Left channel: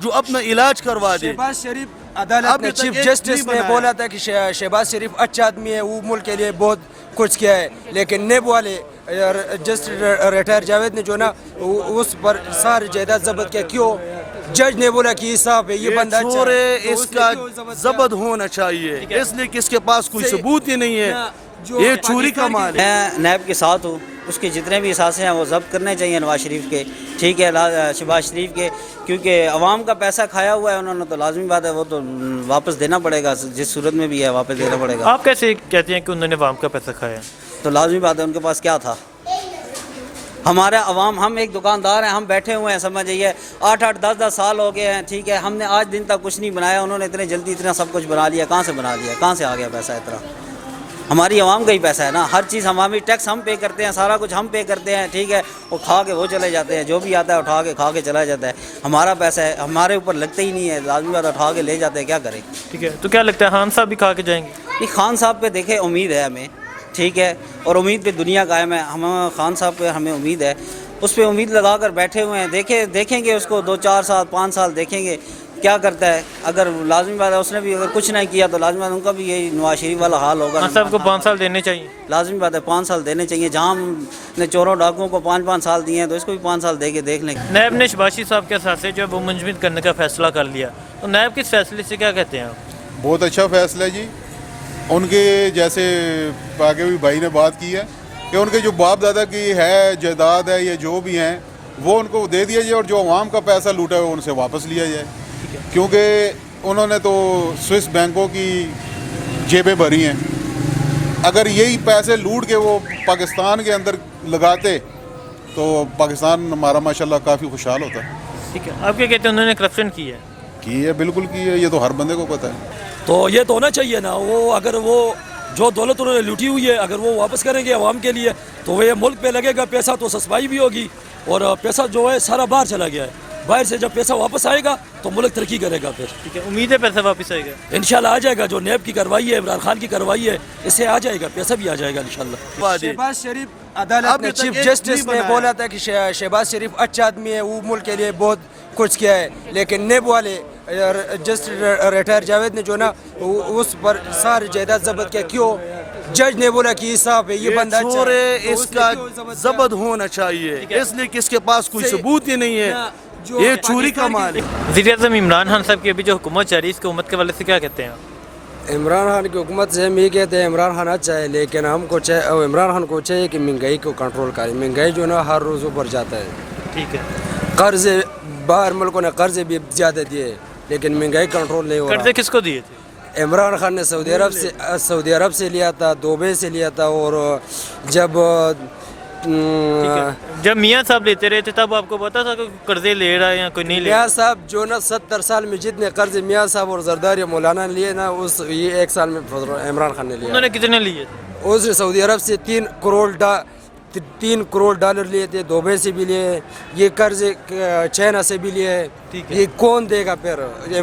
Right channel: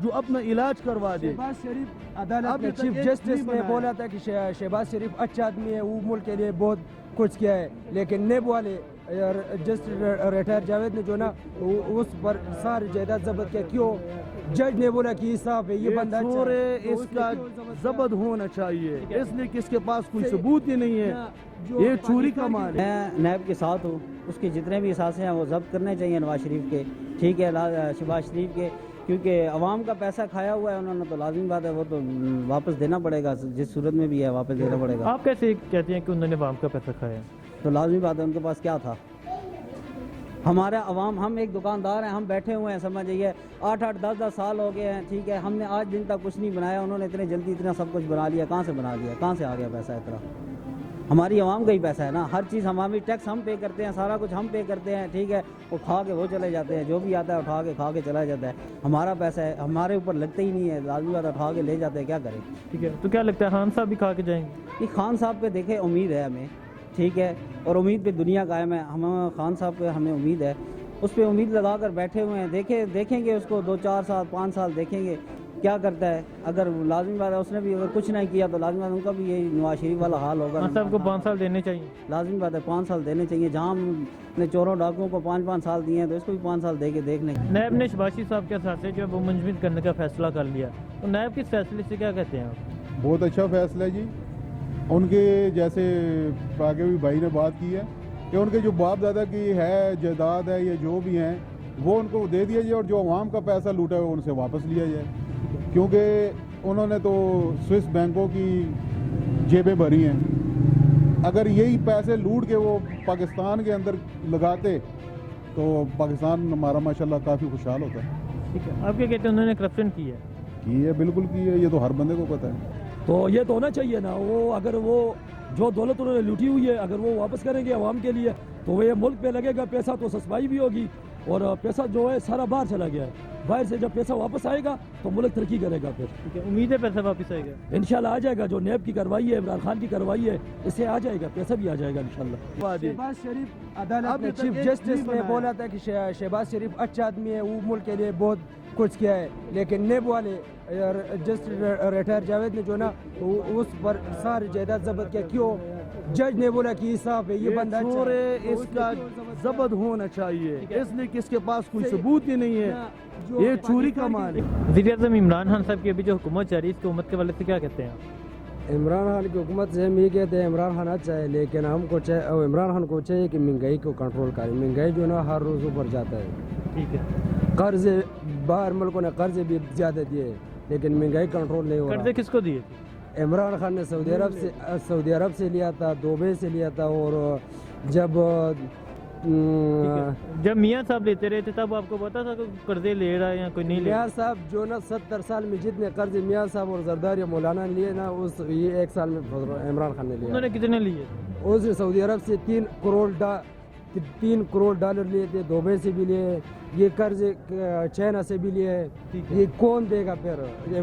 جو اپنا علاج کروا دے. شہباز شریف عدالت نے چیف جسٹس نے بولا تھا کہ شہباز شریف اچھا آدمی ہے, وہ ملک کے لیے بہت کچھ کیا ہے, لیکن نیب والے جسٹس ریٹائر جاوید نے جو نا اس پر ساری جائیداد ضبط کیا. کیوں؟ جج نے بولا کہ صاحب ہے, یہ بندہ چور ہے, اس کا ضبط ہونا چاہیے, اس لیے کہ اس کے پاس کوئی ثبوت ہی نہیں ہے, یہ چوری کا مال ہے. میں نیب کے ساتھ ہوں, اس کے جتنے بھی اثاثے ہیں وہ ضبط کرنے چاہیے نواز شریف کے, ٹھیک ہے, شہباز شریف کے, کیونکہ عوام کا پیسہ کھایا ہوا ہے انہوں نے, تو لازمی بات ہے وہ تو واپس دینا پڑے گا, جس صورت میں بھی ہے واپس دینا پڑے گا. آپ کیسے کہتے ہیں کہ انہوں نے عوام کا پیسہ کھایا؟ تو لازمی بات ہے ان کے پاس کیا تھا. ہمارا عوام, ہم ایک دکاندار ہیں, ہم بیٹھے ہوئے ہیں, سمجھ جائیے 8-8 10-10 سال ہو گئے ہیں, ٹھیک ہے, ہم نے آج دن تک کچھ نہیں بنایا, انہوں نے اتنے جلدی اتنا سب کچھ بنا لیا. کہاں سے بنا لیا, کہاں سے آ گیا پیسہ اتنا؟ ہماری عوام کا ہی پیسہ ہے نا, ہر چیز عوامی ٹیکس ہم پے کرتے ہیں, سارا کچھ ہم پے کرتے ہیں, ٹھیک ہے, وہ کھا کے وہ چلے جاتے ہیں, جو بھی آتا ہے اٹھا کے کھا کے چلا جاتا ہے. ہمارا پیسہ ہے, ہمارے اوپر لگتا ہی نہیں ہے, لازمی بات اٹھا کے لے جاتے ہیں, کیا کریں. ٹھیک ہے, تو کیا لگتا ہے خان صاحب بھی کھا کے جائیں گے؟ نہیں, خان صاحب پہ دیکھیں امید ہے ہمیں, ٹھیک ہے, اور امید پہ دنیا قائم ہے. ہم خان صاحب پہ ہمیں امید ہے, اس پہ امید لگا کر بیٹھے ہوئے ہیں. دیکھیں گے اس کو 2-4 سال 5 سال دیکھیں گے کیا کرتا ہے. اگر لازمی بات ہے اس نے بھی اگر کچھ نہیں کیا تو لازمی بات ان کا بھی یہی نواز شریف والا حال ہوگا. خان صاحب کو 5 سال دینے چاہیے. لازمی بات ہے 5 سال دینے چاہیے. جہاں ہم نے چوروں ڈاکوؤں کو 5-5 سال دیے ہیں تو اس کو بھی 5 سال دے کے دیکھ لیں. نیب نے شہباز شریف صاحب کے اثاثے جو ہے وہ منجمد کرنے کا فیصلہ کر لیا, تو نیب کس فیصلے سے کیا کہتے ہیں آپ؟ بہت اچھا فیصلہ ہے جی. ان کے جیسے آگے بھی بھائی نے بات کی ہے کہ ان کے جو باپ دادا کی ہے جائیداد ہے یا جو بھی ہیں وہ ان کو دے دیا جائے, اور جو عوام کا پیسہ لوٹا ہے ان سے واپس لیا جائے, کیونکہ انہوں نے تو سوئس بینکوں کی جیبیں بھری ہیں. اگر یہی پیسے لوٹ کے وہ پاکستان کے اندر لگاتے تو پاکستان ہمارا ماشاءاللہ کافی خوشحال ہوتا. ٹھیک ہے, آپ کیا کہتے ہیں انہوں نے کرپشن کی ہے؟ بالکل کی ہے, یہ تو ہر بندے کو پتہ ہے. تو یہ تو ہونا چاہیے نا, وہ اگر وہ جو دولت انہوں نے لوٹی ہوئی ہے اگر وہ واپس کریں گے عوام کے لیے تو وہ یہ ملک پہ لگے گا پیسہ, تو سسپائی بھی ہوگی, اور پیسہ جو ہے سارا باہر چلا گیا ہے. باہر سے جب پیسہ واپس آئے گا تو ملک ترقی کرے گا. پھر ٹھیک ہے, امید ہے پیسہ واپس آئے گا انشاءاللہ آ جائے گا. جو نیب کی کارروائی ہے, عمران خان کی کارروائی ہے, اس سے آ جائے گا, پیسہ بھی آ جائے گا انشاءاللہ. شہباز شریف عدالت نے چیف جسٹس نے بولا تھا کہ شہباز شریف اچھا آدمی ہے, وہ ملک کے لیے بہت کچھ کیا ہے, لیکن نیب والے جسٹس ریٹائر جاوید نے جو نا اس پر ساری جائیداد ضبط کیا. کیوں؟ جج نے بولا کہ صاحب ہے, یہ بندہ چور ہے, اس کا ضبط ہونا چاہیے, اس لیے کہ اس کے پاس کوئی ثبوت ہی نہیں ہے, یہ چوری کا مال ہے. وزیر اعظم عمران خان صاحب کی ابھی جو حکومت جاری ہے, اس کی حکومت کے حوالے سے کیا کہتے ہیں آپ؟ عمران خان کی حکومت سے ہم یہ کہتے ہیں عمران خان اچھا ہے, لیکن ہم کو عمران خان کو چاہیے کہ مہنگائی کو کنٹرول کرے. مہنگائی جو نا ہر روز اوپر جاتا ہے. ٹھیک ہے, قرض باہر ملکوں نے قرض بھی زیادہ دیے, لیکن مہنگائی کنٹرول نہیں ہو رہا. قرضے کس کو دیے تھے؟ عمران خان نے سعودی عرب سے لیا تھا, دبئی سے لیا تھا, اور جب میاں صاحب لیتے رہے تھے تب آپ کو پتا تھا کہ قرضے لے رہا ہے یا کوئی نہیں لے رہا؟ میاں صاحب جو نا 70 سال میں جتنے قرض میاں صاحب اور زرداری مولانا نے لیے نا, یہ 1 سال میں عمران خان نے لیا. انہوں نے کتنے لیے؟ اس نے سعودی عرب سے 3 کروڑ ڈالر لیے تھے, دبئی سے بھی لیے, یہ قرض چائنا سے بھی لیے. یہ کون دے گا پھر؟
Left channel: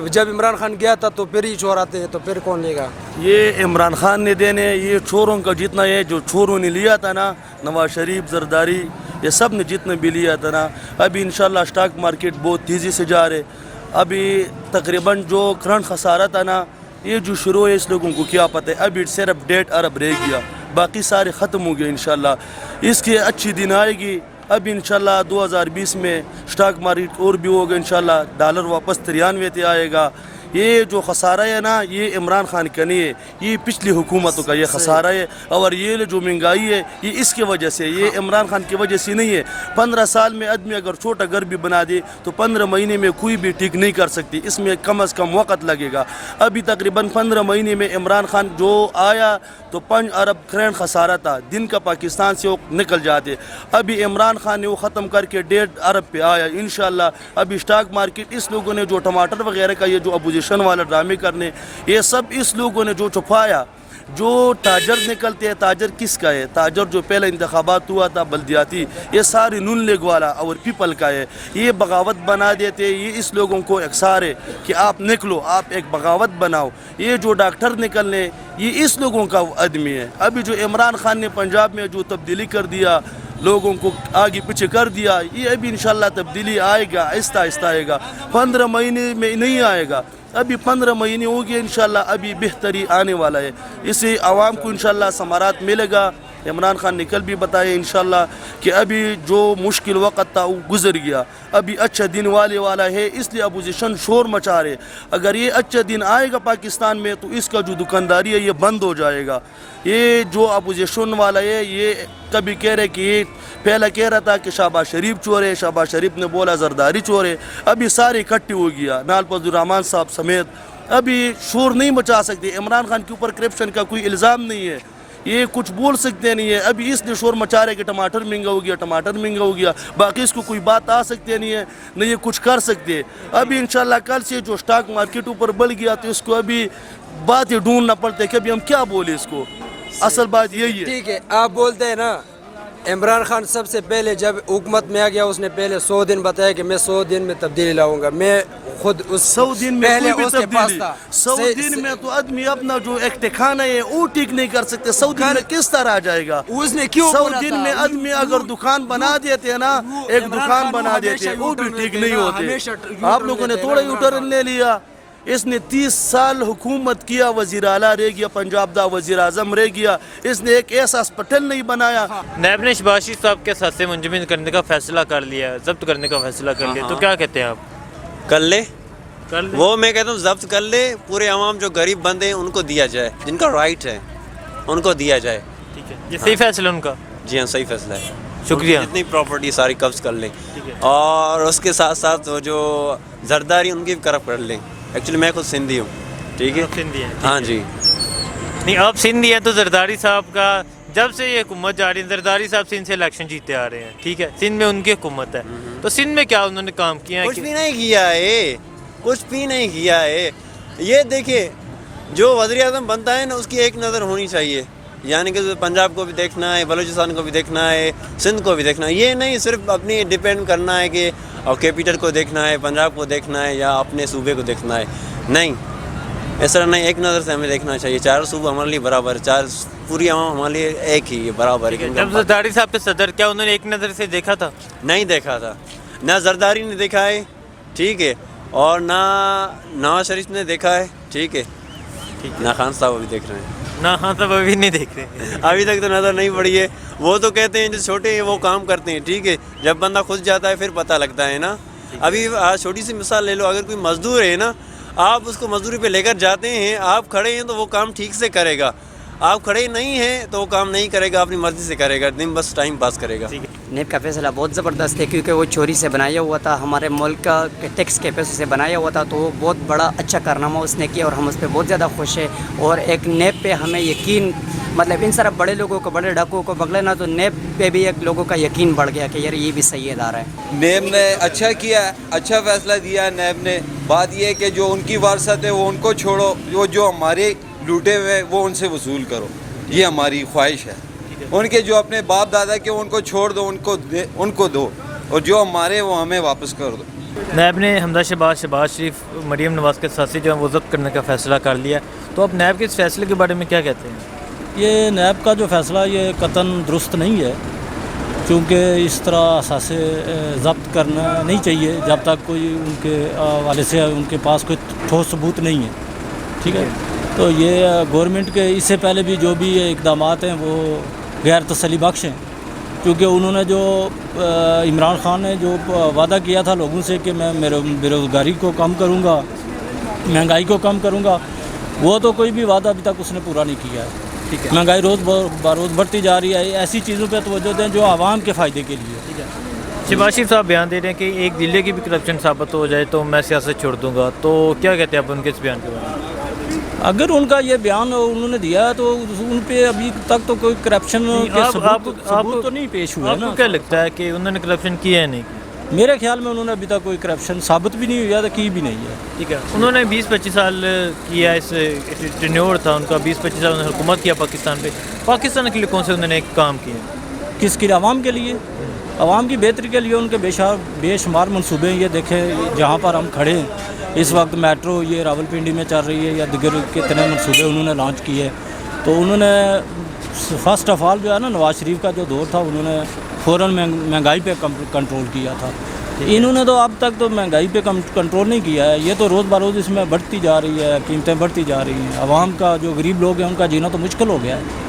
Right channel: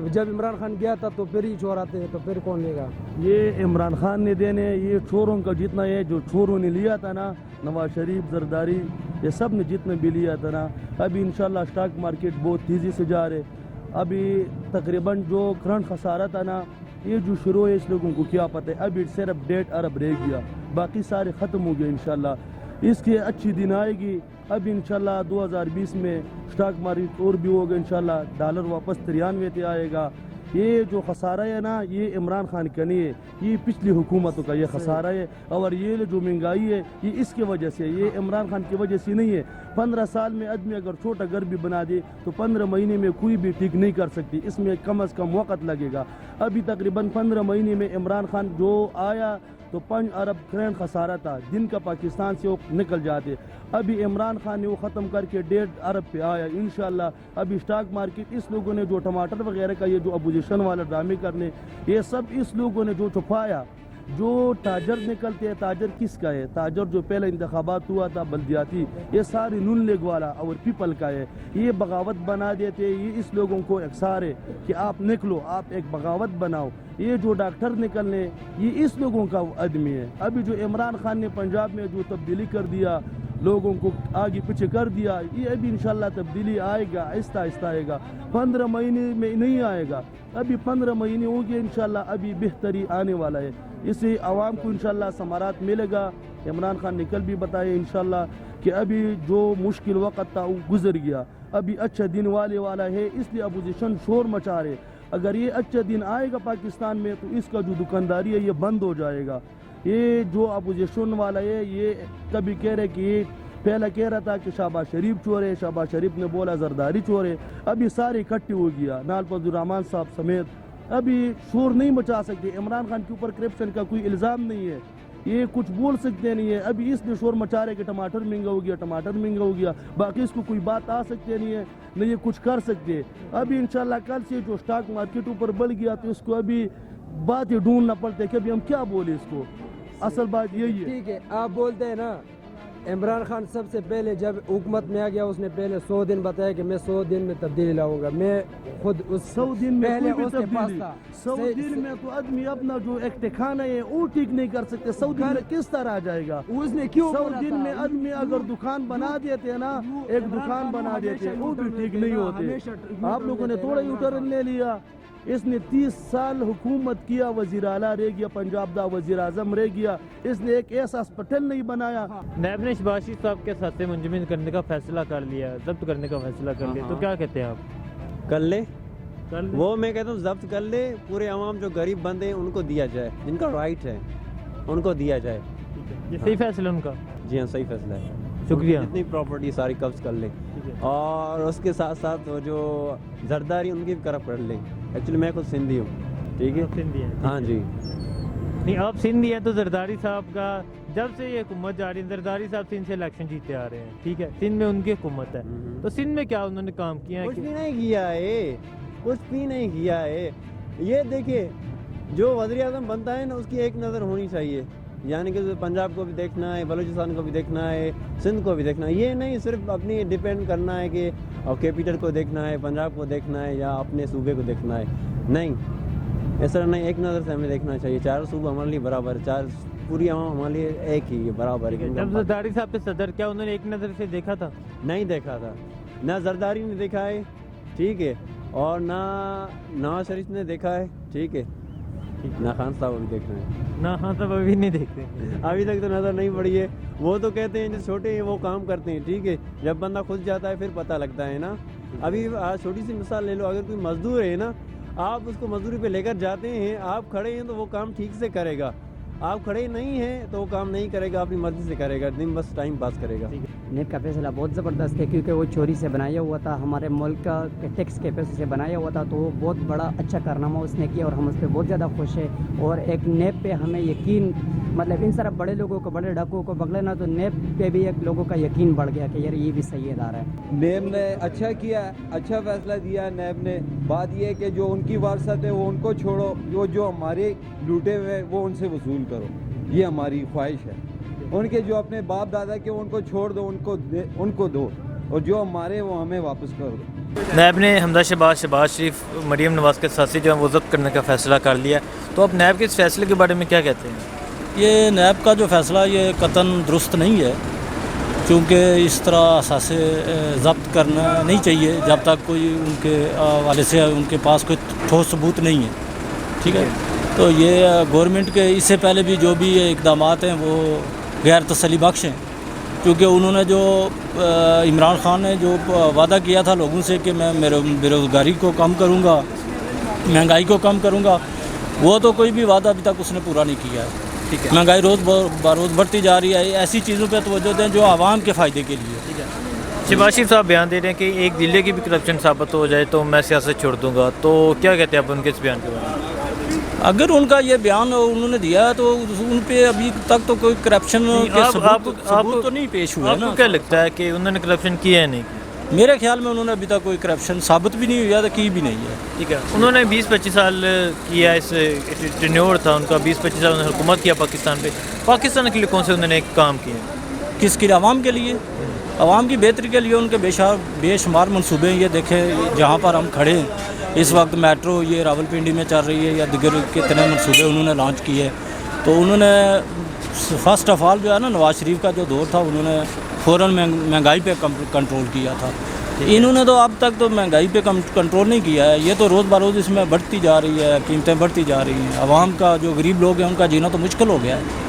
جب عمران خان گیا تھا تو پھر ہی چور آتے ہیں, تو پھر کون لے گا؟ یہ عمران خان نے دینے, یہ چوروں کا جتنا ہے, جو چوروں نے لیا تھا نا, نواز شریف, زرداری, یہ سب نے جتنا بھی لیا تھا نا, ابھی انشاءاللہ اسٹاک مارکیٹ بہت تیزی سے جا رہے. ابھی تقریباً جو کرنٹ خسارہ تھا نا, یہ جو شروع ہے اس لوگوں کو کیا پتہ ہے, ابھی صرف 1.5 ارب رہ گیا, باقی سارے ختم ہو گئے انشاءاللہ. اس کی اچھی دن آئے گی. ابھی انشاءاللہ 2020 میں اسٹاک مارکیٹ اور بھی ہوگا انشاءاللہ, ڈالر واپس 93 پہ آئے گا. یہ جو خسارہ ہے نا, یہ عمران خان کا نہیں ہے, یہ پچھلی حکومتوں کا یہ خسارہ ہے. اور یہ جو مہنگائی ہے یہ اس کی وجہ سے, یہ عمران خان کی وجہ سے نہیں ہے. 15 سال میں آدمی اگر چھوٹا گھر بھی بنا دے تو 15 مہینے میں کوئی بھی ٹھیک نہیں کر سکتی, اس میں کم از کم وقت لگے گا. ابھی تقریباً 15 مہینے میں عمران خان جو آیا تو 5 ارب کرنٹ خسارہ تھا, دن کا پاکستان سے وہ نکل جاتے. ابھی عمران خان نے وہ ختم کر کے 1.5 ارب پہ آیا انشاءاللہ. ابھی اسٹاک مارکیٹ, اس لوگوں نے جو ٹماٹر وغیرہ کا یہ جو اپوزیشن والا ڈرامے کرنے, یہ سب اس لوگوں نے جو چھپایا. جو تاجر نکلتے ہیں, تاجر کس کا ہے؟ تاجر جو پہلا انتخابات ہوا تھا بلدیاتی, یہ ساری نون لیگ والا اور پیپل کا ہے. یہ بغاوت بنا دیتے, یہ اس لوگوں کو اکثار ہے کہ آپ نکلو, آپ ایک بغاوت بناؤ. یہ جو ڈاکٹر نکلنے, یہ اس لوگوں کا آدمی ہے. ابھی جو عمران خان نے پنجاب میں جو تبدیلی کر دیا, लोगों को आगे पीछे कर दिया, ये अभी इंशाल्लाह तब्दीली आएगा, आहिस्ता आहिस्ता आएगा, 15 महीने में नहीं आएगा, अभी 15 महीने हो गए इंशाल्लाह, अभी बेहतरी आने वाला है, इससे आवाम को इंशाल्लाह समारात मिलेगा। इमरान खान ने कल भी बताया इंशाल्लाह कि अभी जो मुश्किल वक़्त था वो गुजर गया, अभी अच्छा दिन वाला है, इसलिए अपोजिशन शोर मचा रहे। अगर ये अच्छा दिन आएगा पाकिस्तान में तो इसका जो दुकानदारी है ये बंद हो जाएगा। ये जो अपोजिशन वाला है ये कभी कह रहे कि ये पहला कह रहा था कि शहबाज शरीफ चोर है, शहबाज शरीफ ने बोला जरदारी चोर है, अभी सारे इकट्ठे हो गया, नाल फजलुर्रहमान साहब समेत, अभी शोर नहीं मचा सकते। इमरान खान के ऊपर करप्शन का कोई इल्ज़ाम नहीं है, ये कुछ बोल सकते नहीं है, अभी इसलिए शोर मचा रहे कि टमाटर महंगा हो गया, टमाटर महंगा हो गया, बाकी इसको कोई बात आ सकते नहीं है, नहीं ये कुछ कर सकते। अभी इंशाल्लाह कल से जो स्टॉक मार्केट ऊपर बढ़ गया तो इसको अभी बातें ढूंढना पड़ता है कि अभी हम क्या बोले इसको, असल बात यही है। ठीक है, आप बोलते हैं ना इमरान खान सबसे पहले जब हुकूमत में आ गया उसने पहले 100 दिन बताया कि मैं 100 दिन में तब्दीली लाऊंगा, मैं खुद उस 100 दिन में पहले कोई भी उसके पास तब्दीली, था 100 दिन में तो आदमी अपना जो एक ठिकाना है वो ठीक नहीं कर सकते, 100 दिन में किस तरह आ जाएगा? उसने क्यों 100 बोला दिन था? में आदमी अगर दुकान बना देते हैं ना, एक इमरान दुकान खान बना हमेशा देते वो भी U-turn ठीक लेते नहीं हैं, होते। हमेशा U-turn आप लोगों ने लेते हैं थोड़ा इमरान U-turn खान। ले लिया, इसने 30 साल हुकूमत किया, वज़ीर आला रह गया, पंजाब दा वज़ीर आज़म रह गया, इसने एक ऐसा हॉस्पिटल नहीं बनाया। नैब ने शहबाज शरीफ साहब के साथ मुंजमद करने का फैसला कर लिया, जब्त करने का फैसला कर लिया, तो क्या कहते हैं आप? कर ले, कर ले? वो मैं कहता हूँ जब्त कर ले, पूरे आवाम जो गरीब बंदे हैं उनको दिया जाए, जिनका राइट है उनको दिया जाए। ठीक है, ये सही फैसला उनका? जी हाँ, सही फैसला है। शुक्रिया। जितनी प्रॉपर्टी सारी कब्ज कर लें, ठीक है। और उसके साथ साथ वो जो जरदारी उनकी भी करप कर लें। एक्चुअली मैं खुद सिंधी हूँ, ठीक है। आप सिंधी हैं? हाँ जी। नहीं, आप सिंधी हैं तो जरदारी साहब का जब से ये हुकूमत जा रही है, जरदारी साहब सिंध से इलेक्शन जीते आ रहे हैं, ठीक है, सिंध में उनकी हुकूमत है, तो सिंध में क्या उन्होंने काम किया है? कुछ भी नहीं किया है, कुछ भी नहीं किया है। ये देखिए, जो वज़ीर आज़म बनता है ना उसकी एक नज़र होनी चाहिए, यानी कि पंजाब को भी देखना है, बलूचिस्तान को भी देखना है, सिंध को भी देखना है। ये नहीं सिर्फ अपनी डिपेंड करना है कि और कैपिटल को देखना है, पंजाब को देखना है या अपने सूबे को देखना है, नहीं, इस तरह नहीं, एक नज़र से हमें देखना चाहिए। चारों सूबे हमारे लिए बराबर, चार पूरी आवाम हमारे लिए एक ही है, बराबर है। जब जरदारी साहब के सदर, क्या उन्होंने एक नज़र से देखा था? नहीं देखा था, ना जरदारी ने देखा है, ठीक है, और ना नवाज शरीफ ने देखा है, ठीक है, ना खान साहब अभी देख रहे हैं, ना, हाँ, तब अभी नहीं देख रहे। अभी तक तो नज़र नहीं पड़ी है। वो तो कहते हैं जो छोटे हैं वो काम करते हैं, ठीक है, जब बंदा खुद जाता है फिर पता लगता है ना। अभी आज छोटी सी मिसाल ले लो, अगर कोई मजदूर है ना, आप उसको मजदूरी पे लेकर जाते हैं, आप खड़े हैं तो वो काम ठीक से करेगा, आप खड़े नहीं हैं तो वो काम नहीं करेगा, अपनी मर्ज़ी से करेगा, दिन बस टाइम पास करेगा। नेब का फैसला बहुत ज़बरदस्त है, क्योंकि वो चोरी से बनाया हुआ था, हमारे मुल्क का टैक्स के पैसों से बनाया हुआ था, तो वो बहुत बड़ा अच्छा कारनामा उसने किया और हम उस पर बहुत ज़्यादा खुश हैं। और एक नेब पे हमें यकीन, मतलब इन सारा बड़े लोगों को, बड़े डाकुओं को पकड़े ना, तो नेब पे भी एक लोगों का यकीन बढ़ गया कि यार ये भी सही इदारा है। नेब ने अच्छा किया, अच्छा फैसला दिया है नेब ने। बात ये है कि जो उनकी वारसत है वो उनको छोड़ो, जो हमारे लूटे हुए वो उनसे वसूल करो, ये हमारी ख्वाहिश है। उनके जो अपने बाप दादा के उनको छोड़ दो, उनको दो, और जो हमारे वो हमें वापस कर दो। नैब ने हमदा शहबाज शरीफ, मरीम नवाज़ के साथ जो है वो जब्त करने का फ़ैसला कर लिया, तो अब नैब के इस फैसले के बारे में क्या कहते हैं? ये नैब का जो फ़ैसला ये कतन दुरुस्त नहीं है, क्योंकि इस तरह असासे ज़ब्त करना नहीं चाहिए जब तक कोई उनके वाले से उनके पास कोई ठोस सबूत नहीं है, ठीक है। तो ये गवर्नमेंट के इससे पहले भी जो भी ये इक़दामात हैं वो गैर तसल्ली बख्श हैं, क्योंकि उन्होंने जो इमरान खान ने जो वादा किया था लोगों से कि मैं बेरोज़गारी को कम करूँगा, महंगाई को कम करूँगा, वो तो कोई भी वादा अभी तक उसने पूरा नहीं किया है। ठीक है, महंगाई रोज़ बरोज़ बढ़ती जा रही है, ऐसी चीज़ों पर तवज्जो दें जो आवाम के फ़ायदे के लिए। ठीक है, शहबाज शरीफ साहब बयान दे रहे हैं कि एक ज़िले की भी करप्शन साबित हो जाए तो मैं सियासत छोड़ दूँगा, तो क्या कहते हैं आप उनके इस बयान के बारे में? अगर उनका ये बयान उन्होंने दिया है तो उन पे अभी तक तो कोई करप्शन के सबूत तो नहीं पेश हुआ है ना। आपको क्या लगता है कि उन्होंने करप्शन किया है नहीं? मेरे ख्याल में उन्होंने अभी तक कोई करप्शन साबित भी नहीं हुआ था, की भी नहीं है। ठीक है, उन्होंने 20-25 साल किया, इस टेन्योर था उनका, 20-25 साल उन्होंने हुकूमत किया पाकिस्तान पे। पाकिस्तान के लिए कौन से उन्होंने काम किए? किसके लिए? आवाम के लिए, आवाम की बेहतरी के लिए उनके बेशुमार मनसूबे हैं। ये देखें जहाँ पर हम खड़े हैं इस वक्त मेट्रो ये रावलपिंडी में चल रही है, या दिगर कितने मनसूबे उन्होंने लॉन्च किए। तो उन्होंने फर्स्ट ऑफ ऑल जो है ना, नवाज शरीफ का जो दौर था उन्होंने फ़ौरन महंगाई पे कंट्रोल किया था। इन्होंने तो अब तक तो महंगाई पे कंट्रोल नहीं किया है। ये तो रोज़ बरोज़ इसमें बढ़ती जा रही है, कीमतें बढ़ती जा रही हैं। आवाम का जो गरीब लोग हैं उनका जीना तो मुश्किल हो गया है।